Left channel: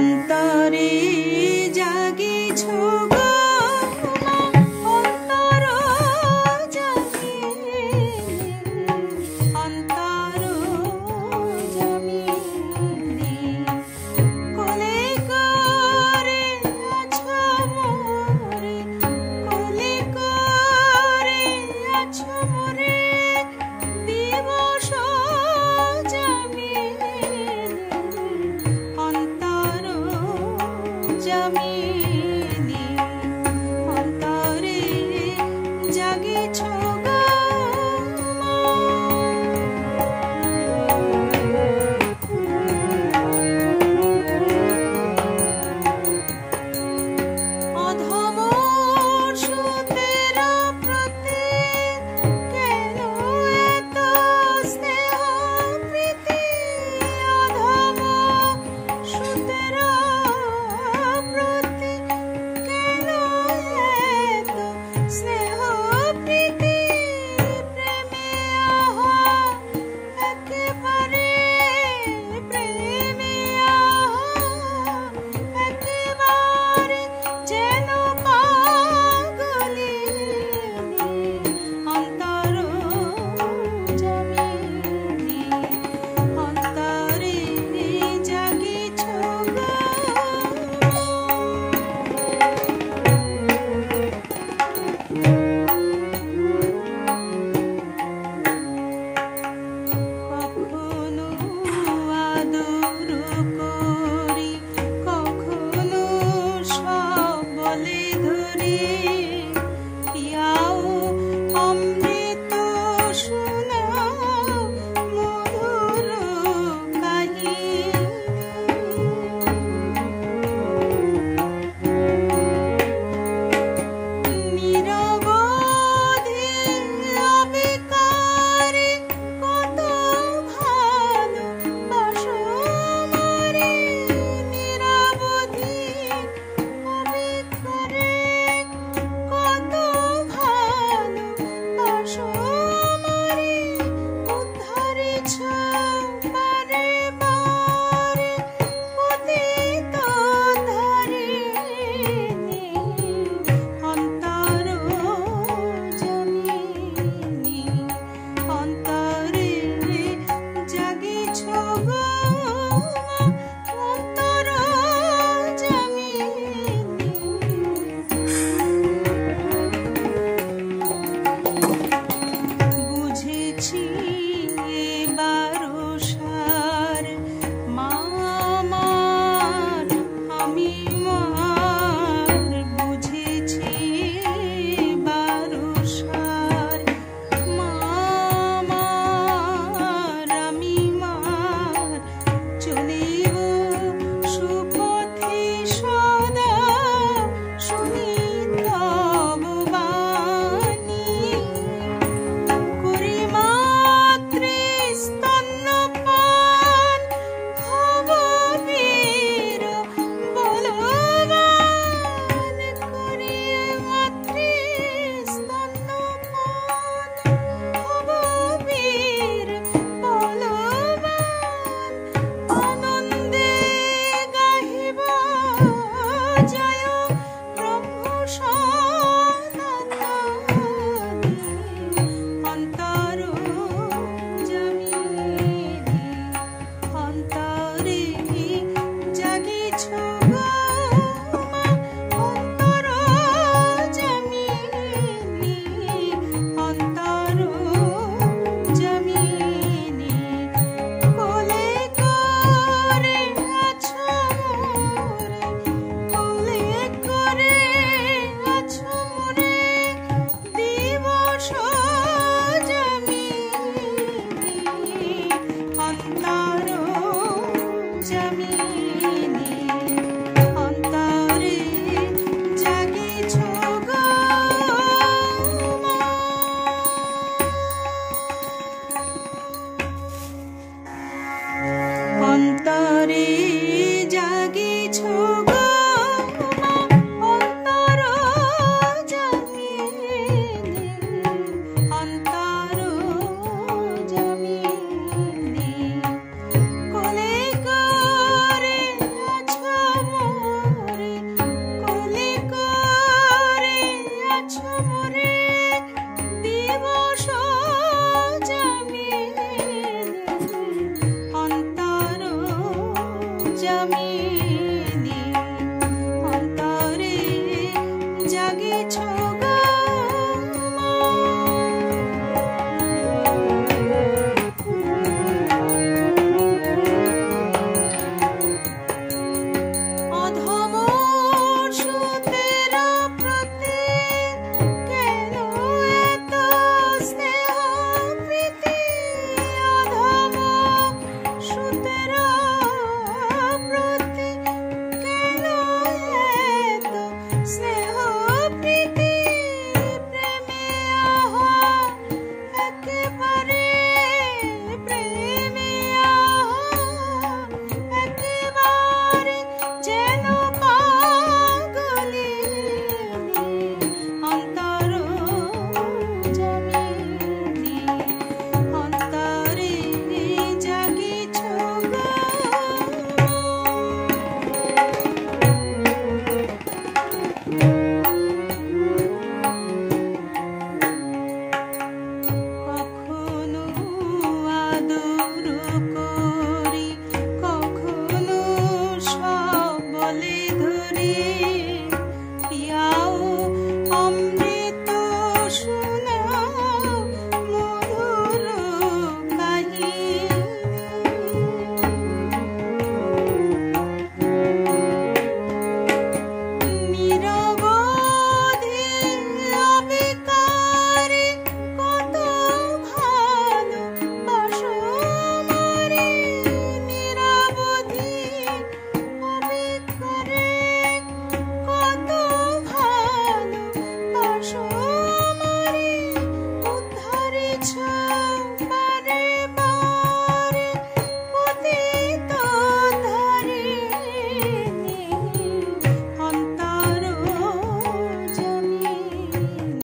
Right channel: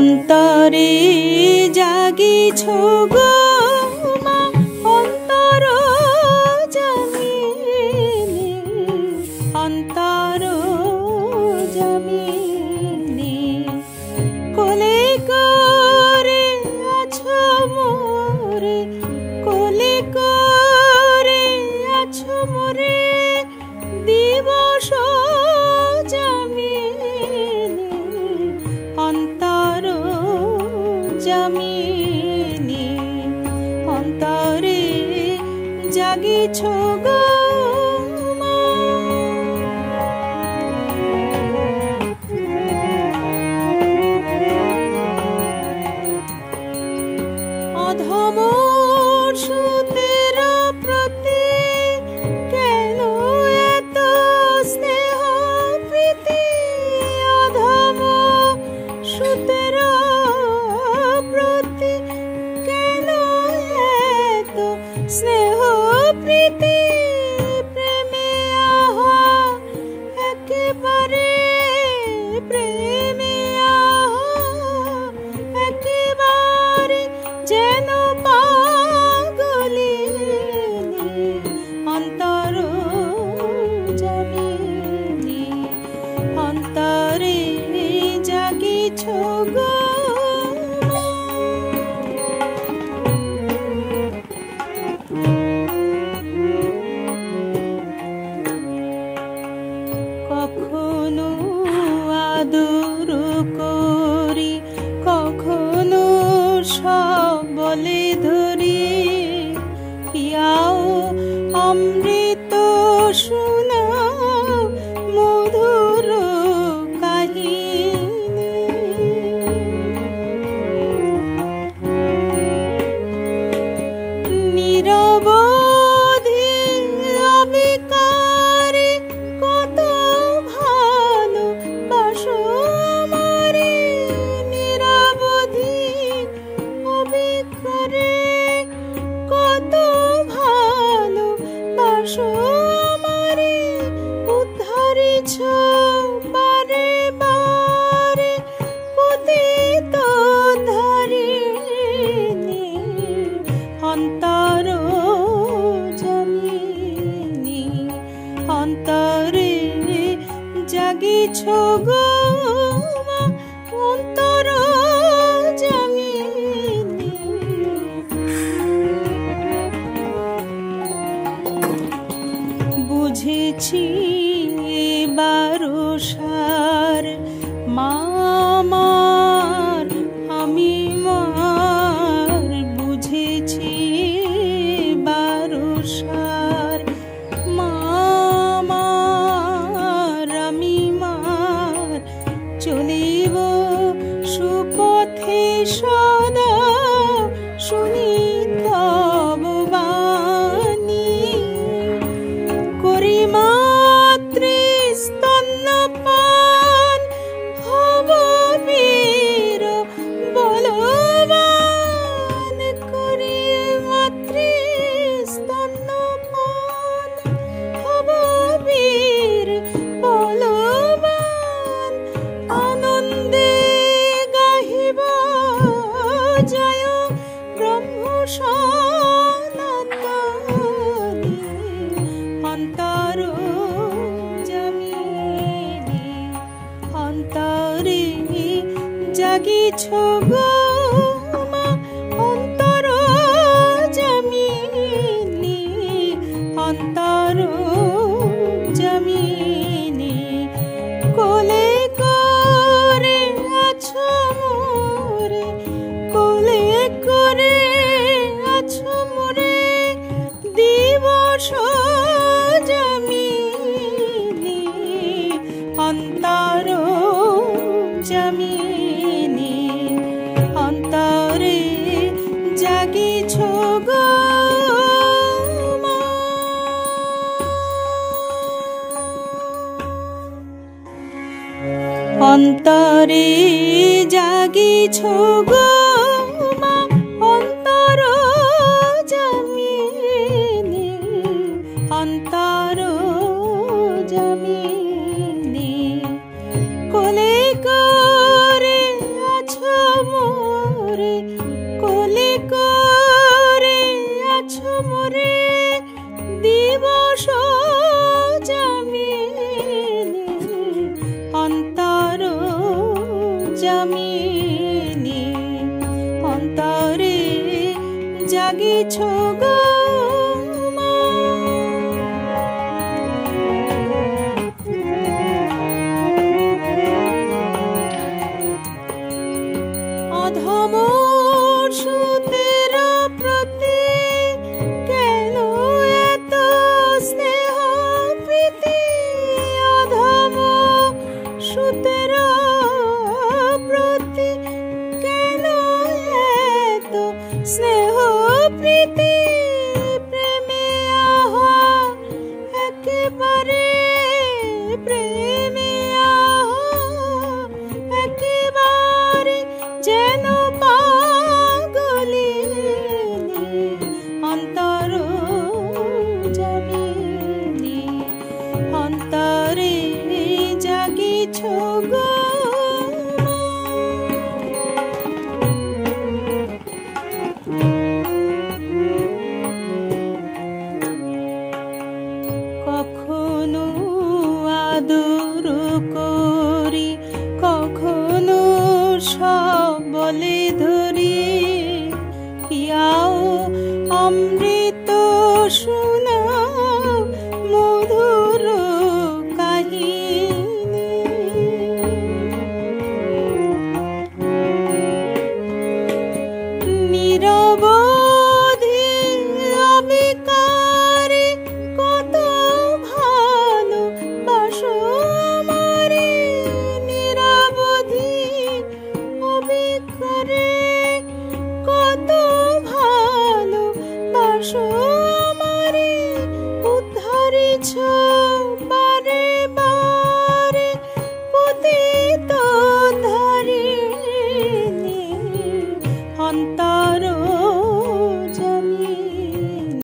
অন্তরে জাগিছ গো মা, অন্তর জামিনী, অন্তর জামিনী। কোলে করে আছো মোরে, কোলে করে আছো মোরে, দিবস জামিনী, অন্তরে জাগিছ গো মা। অধম সুতের প্রতি কেন এত স্নেহ প্রীতি, অধম সুতের প্রতি কেন এত স্নেহ প্রীতি, প্রেমে আহা একেবারে, প্রেমে আহা একেবারে যেন পাগলি, অন্তর জামিনী, অন্তরে জাগিছ গো। কখনো আদর করি, কখনো সব বলে ধরি, পিয়াও অমৃত শোনাও মধুর কাহিনী। নিরবধি অবিকারে কত ভালোবাসো আমারে, নিরবধি অবিকারে কত ভালোবাসো আমারে, উদ্ধারিছ বারে বারে পতিত ধারিণী, অন্তর জামিনী, অন্তরে জাগিছ গো মা, অন্তর জামিনী। বুঝেছি এবারো সার মা আমার, আমি মার, বুঝেছি এবারো সার মা আমার, আমি মার, চলিব সুপথে সদা, শুনি তব বাণী, করি মাতৃ স্তন্যপান, হব বীর বলবান, করি মাতৃ স্তন্যপান, হব বীর বলবান, আনন্দে গাহিব জয় ব্রহ্ম সনাতনী, অন্তর জামিনী, অন্তরে জাগিছ গো মা, অন্তর জামিনী, অন্তর জামিনী। কোলে করে আছো মোরে, কোলে করে আছো মোরে, দিবস জামিনী, অন্তর জামিনী, অন্তরে জাগিছ গো মা। অন্তরে জাগিছ গো মা, অন্তর জামিনী, অন্তর জামিনী। কোলে করে আছো জামি